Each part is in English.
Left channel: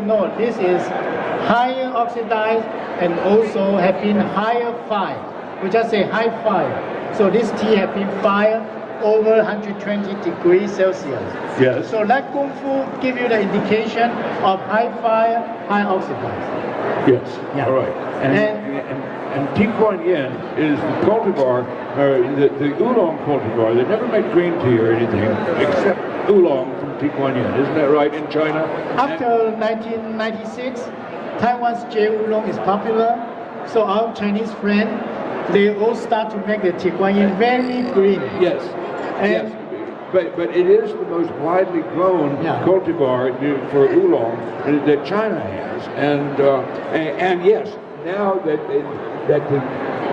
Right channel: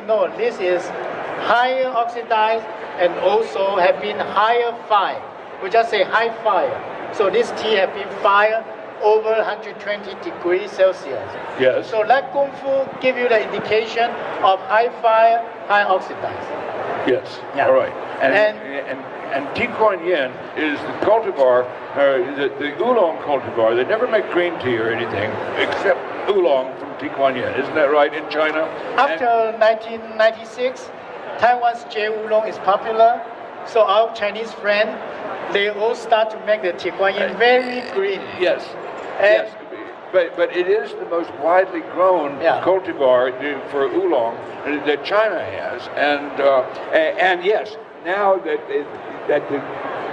you know, this is higher oxidized and also have been higher fire. We just say high fire. So this tea have been fired over 120 degrees Celsius. Yes. So that Kung Fu give you the indication of high fire, high oxidized. Yes. Yeah. All right. And Tea Kuan Yin is the cultivar, the oolong cultivar. They never make green tea or anything except oolong from Tea Kuan Yin. Isn't that right in China? After 1996, Taiwan's J oolong is popular. So our Chinese friend, they all start to make the Tea Kuan Yin very green. Yes. And yes. But it is the most widely grown cultivar for oolong that China has, and yes, now that the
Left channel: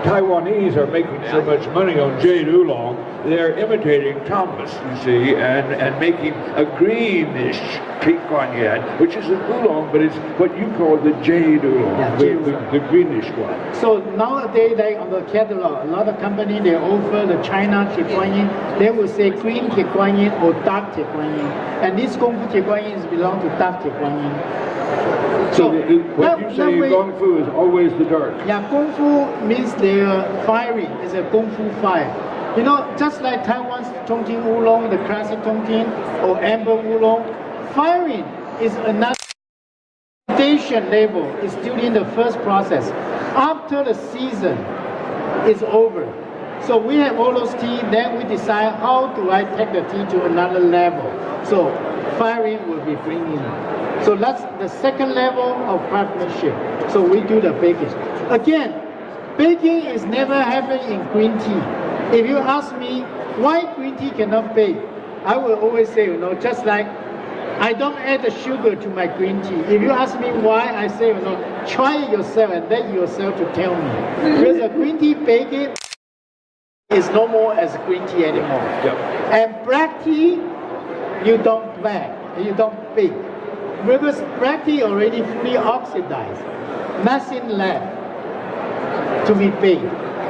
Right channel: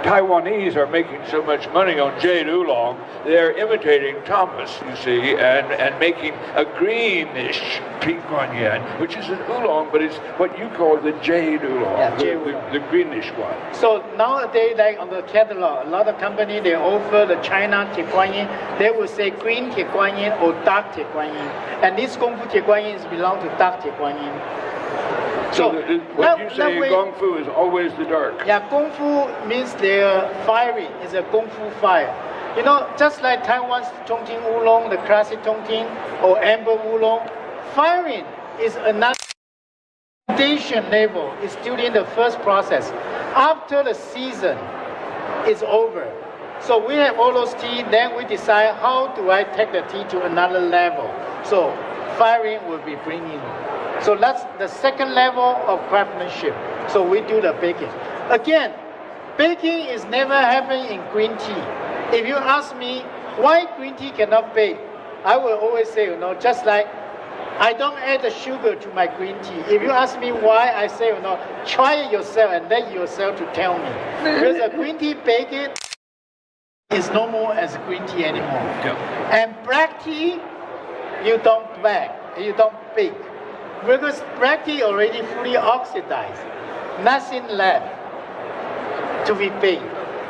Taiwanese are making so much money on jade oolong, they're imitating Thomas, you see, and making a greenish Tea Kuan Yin, which is an oolong, but it's what you call the jade oolong, the greenish one. So nowadays, like on the catalog, a lot of companies, they offer the China Tea Kuan Yin. They will say green Tea Kuan Yin or dark Tea Kuan Yin. And this Kung Fu Tea Kuan Yin belongs to dark Tea Kuan Yin. So what you say Kung Fu is always the dark. Yeah, Kung Fu means they're fiery. It's a Kung Fu fire. You know, just like Taiwan's Chongqing Oolong, the classic Chongqing, or Amber Oolong, firing is another foundation level. It's still in the first process. After the season is over, so we have all those tea, then we decide how do I take the tea to another level. So firing will be bringing. So that's the second level of craftsmanship. So we do the baking. Again, baking is never happened in green tea. If you ask me why green tea cannot bake, I will always say, you know, just like I don't add the sugar to my green tea. If you ask me why, I say, you know, try it yourself and let yourself to tell me. Because a green tea baking is no more as a green tea anymore. And black tea, you don't bake. Because black tea already fully oxidized, nothing left to be baked.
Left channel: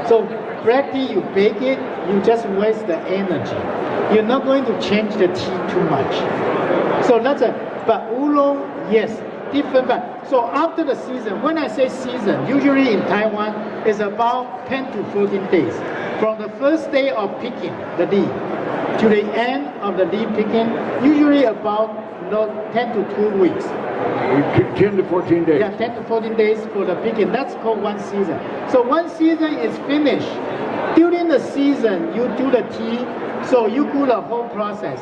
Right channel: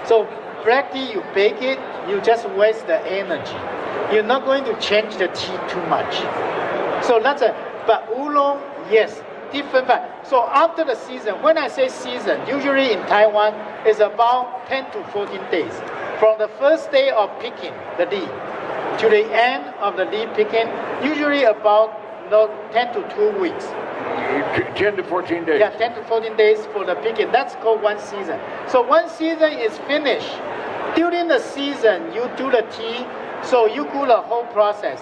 So black tea, you bake it, you just waste the energy. You're not going to change the tea too much. So that's but oolong, yes, different. So after the season, when I say season, usually in Taiwan, it's about 10 to 14 days. From the first day of picking the leaf to the end of the leaf picking, usually about 10 to 2 weeks. 10 to 14 days. Yeah, 10 to 14 days for the picking. That's called one season. So one season is finished. During the season, you do the tea, so you do the whole process.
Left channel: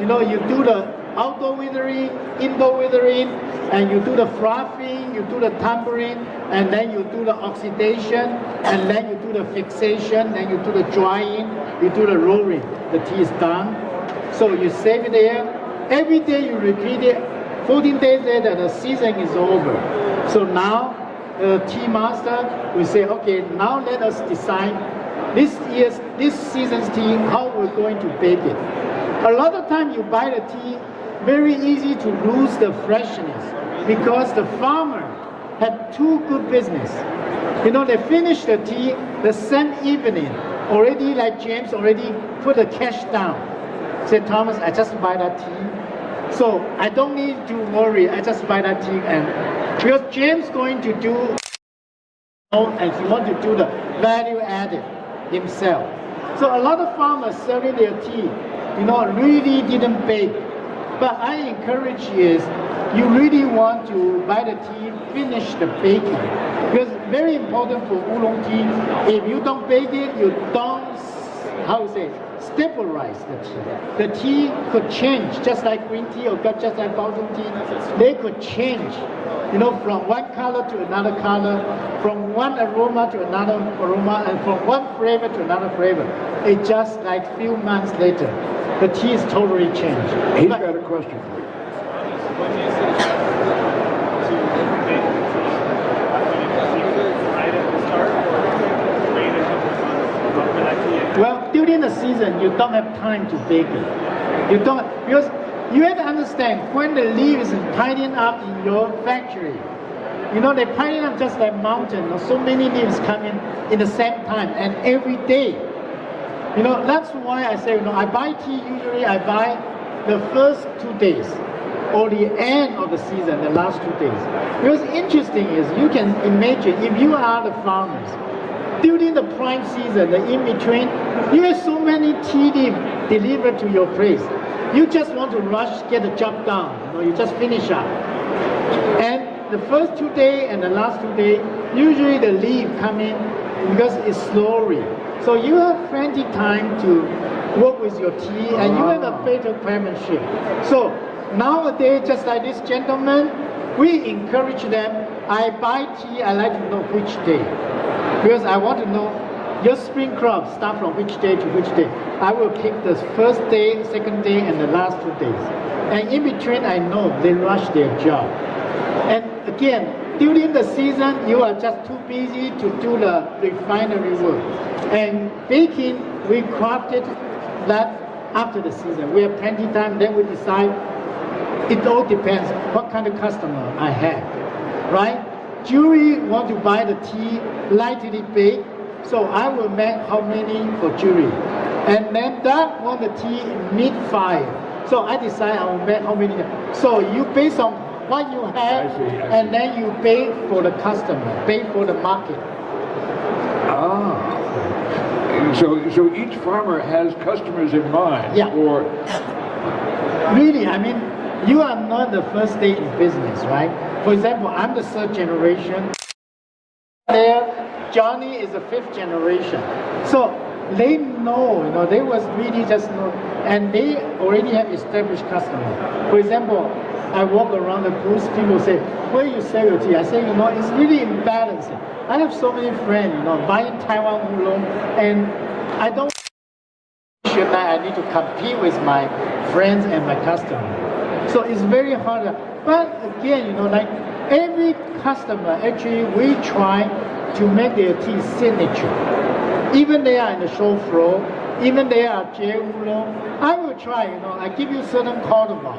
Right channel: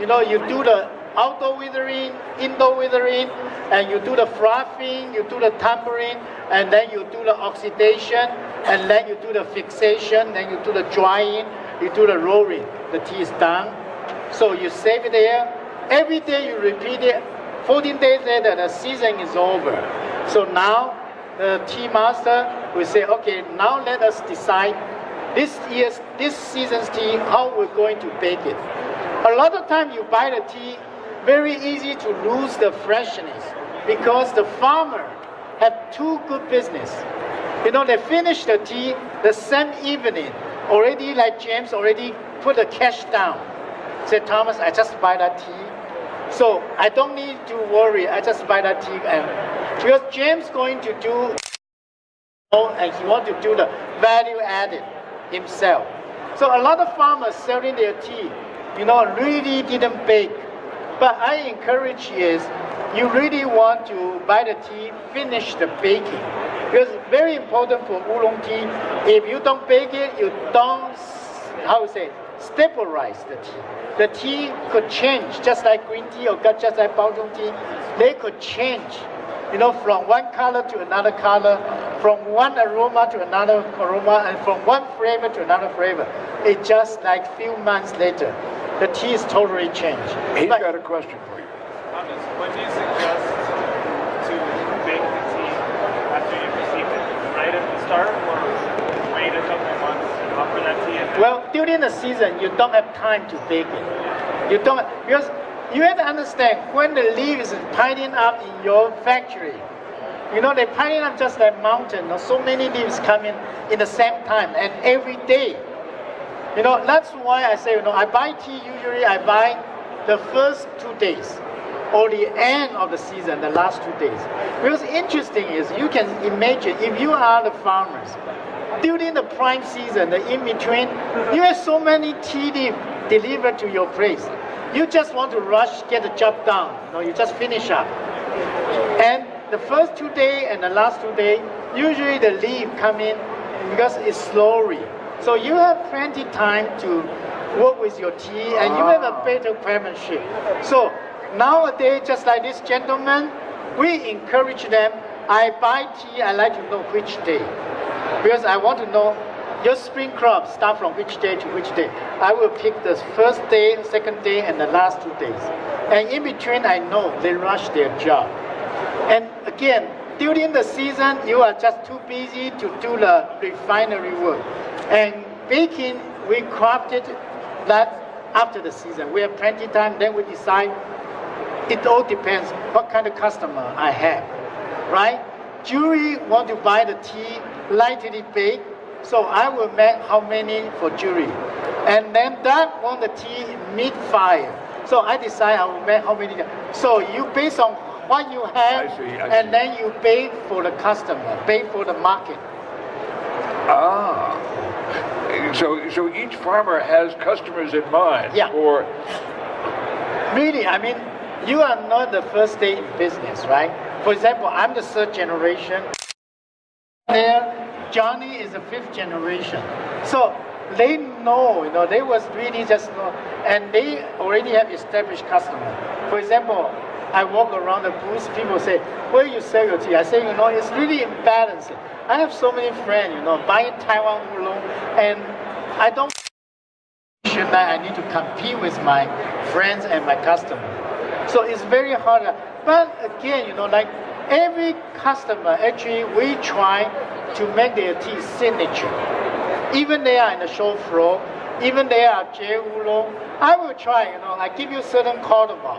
You know, you do the outdoor withering, indoor withering, and you do the frothing, you do the tumbling, and then you do the oxidation, and then you do the fixation, then you do the drying, you do the rolling. The tea is done. So you save it there. Every day you repeat it. 14 days later, the season is over. So now, the tea master will say, okay, now let us decide this season's tea, how we're going to bake it. A lot of times you buy the tea, very easy to lose the freshness because the farmer have too good business. You know, they finish the tea the same evening, already like James already put the cash down. Said, Thomas, I just buy that tea. So I don't need to worry, I just buy that tea. And because James going to do, and he want to do the value added himself. So a lot of farmers selling their tea, you know, really didn't bake. But I encourage is, you really want to buy the tea, finish the baking. Because very important for oolong tea, if you don't bake it, you don't, stabilize the tea. The tea could change, just like green tea or just like Baozhong tea. They could change, you know, from one color to another color, from one aroma to another aroma, and from one flavor to another flavor. It just like few months later, the tea is totally changed. He's got a question for you. Well, during the season, you don't have time to bake it. You don't, because you have to understand, when the leaves is piling up in your factory, you know, they pile up just like mountain. So many leaves coming in the same time and every day. You know, that's why I say, you know, I buy tea, usually I buy the first 2 days. or the end of the season, the last 2 days. Because interesting is, you can imagine if you are the farmers, during the prime season, the in-between, you have so many tea leaves delivered to your place. You just want to rush, get the job done. You just finish up. And the first 2 days and the last 2 days, usually the leaf come in because it's slowly. So you have plenty time to work with your tea, and you have a better craftsmanship. So nowadays, just like this gentleman, we encourage them. I buy tea, I like to know which day. Because I want to know your spring crop start from which day to which day. I will pick the first day, second day, and the last 2 days. And in between, I know they rush their job. And again, during the season, you are just too busy to do the refinery work. And baking, we crafted that after the season. We have plenty of time, then we decide. It all depends what kind of customer I have, right? Jury want to buy the tea lightly baked, so I will make how many for jury. And then that want the tea mid-fire. So I decide I will make how many. So you based on what you have, I see. and then you pay for the customer, pay for the market. So each farmer has customers in mind. Yeah. Or really, I mean, you are not the first day in business, right? For example, I'm the 3rd generation. There, Johnny is the 5th generation. So they know, they was really just know, and they already have established customers. For example, I walk around the booth, people say, where you sell your tea? I say, it's really imbalanced. I have so many friends, buying Taiwan oolong, and I don't feel that I need to compete with my friends and my customers. So it's very hard. But again, like every customer, actually, we try to make their tea signature. Even they are in the show floor, even they are J oolong, I will try, I give you certain cardamom,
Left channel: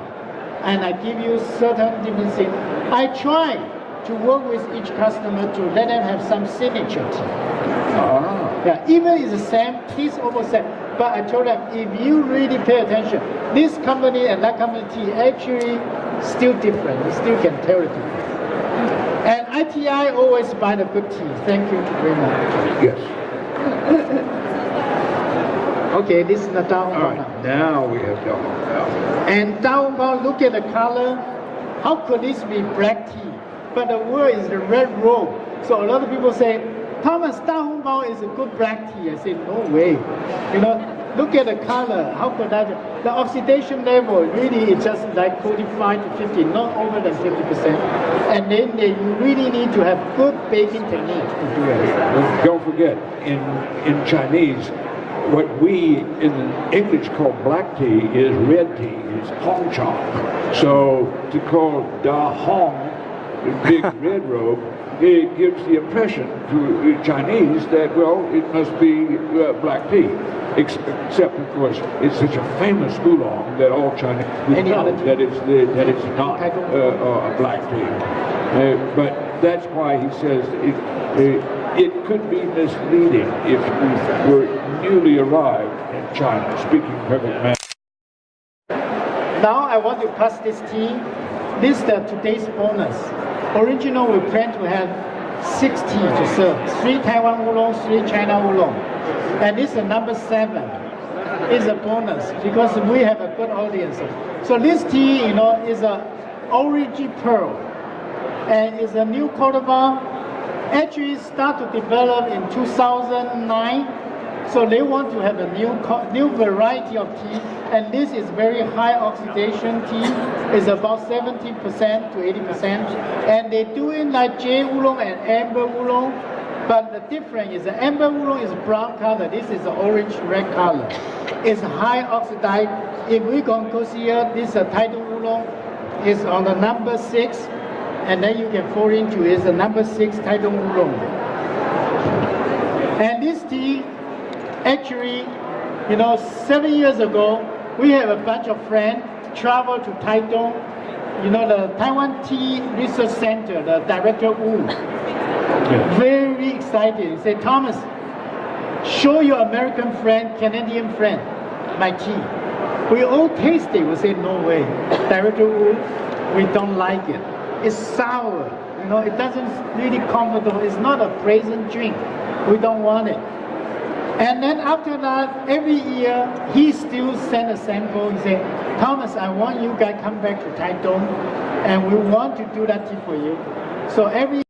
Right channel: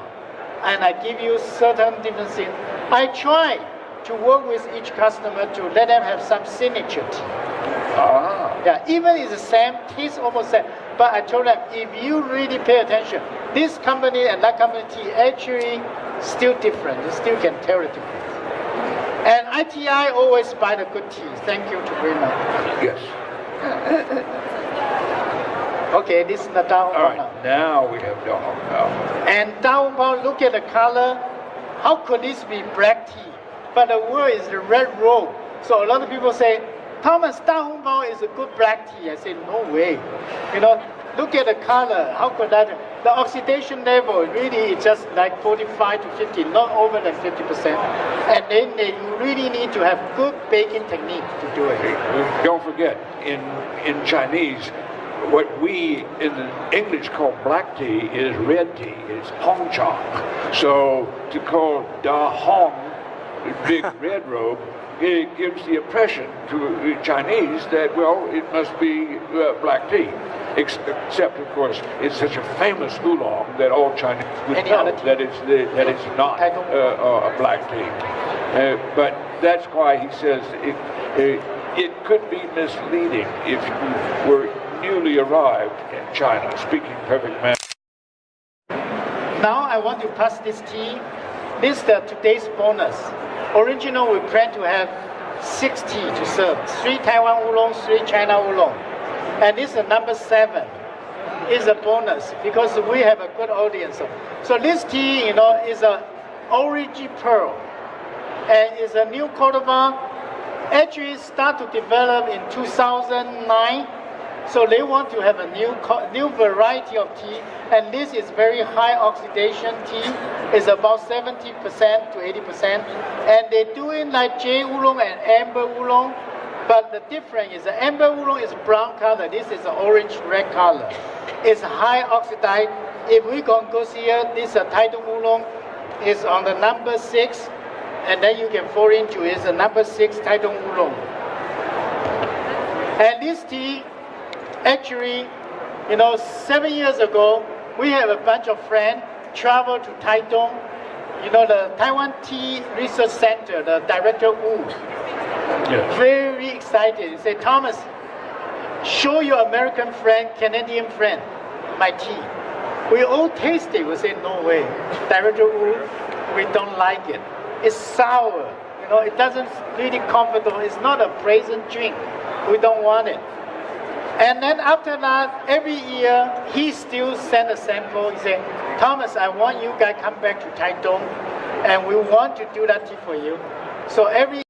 and I give you certain different things. I try to work with each customer to let them have some signature tea. Yeah, even it's the same, taste almost same. But I told them, if you really pay attention, this company and that company tea actually still different. You still can tell the difference. And ITI always buy the good tea. Thank you very much. yes. Okay, this is the Da Hong Bao now. Now we have Da Hong Bao. And Da Hong Bao, look at the color. How could this be black tea? But the word is the red robe. So a lot of people say, Thomas, Da Hong Bao is a good black tea. I say, no way. Look at the color. How could that be? The oxidation level really is just like 45 to 50, not over than 50%. And then they really need to have good baking technique to do it. Don't forget, in Chinese, what we in English call black tea is red tea, is Hong Chong. So to call Da Hong, big red robe, it gives the impression to Chinese that, well, it must be black tea. Except, of course, it's such a famous oolong that all Chinese know that it's not a black tea. But that's why he says it could be misleading if we were newly arrived in China, speaking perfect Mandarin. Now I want to pass this tea. This is today's bonus. Original, we plan to have 6 tea to serve. 3 Taiwan oolong, 3 China oolong. And this is number 7. It's a bonus because we have a good audience. So this tea, is a origin pearl. And it's a new cultivar. Actually start to develop in 2009. So they want to have a new variety of tea. And this is very high oxidation tea. It's about 70% to 80%. And they're doing like J oolong and amber oolong. But the difference is the amber oolong is brown color. This is orange-red color. It's high oxidized. If we can go here, this Taitung oolong is on the number 6. And then you can fall into it. It's the number 6 Taitung oolong. And this tea, actually, 7 years ago, we have a bunch of friends travel to Taitung. The Taiwan Tea Research Center, the director Wu, very excited. He said, Thomas, show your American friend, Canadian friend, my tea. We all taste it. We say, no way. Director Wu, we don't like it. It's sour. You know, it doesn't really comfortable. It's not a pleasant drink. We don't want it. And then after that, every year, he still send a sample. He say, Thomas, I want you guys come back to Taitung, and we want to do that tea for you. So every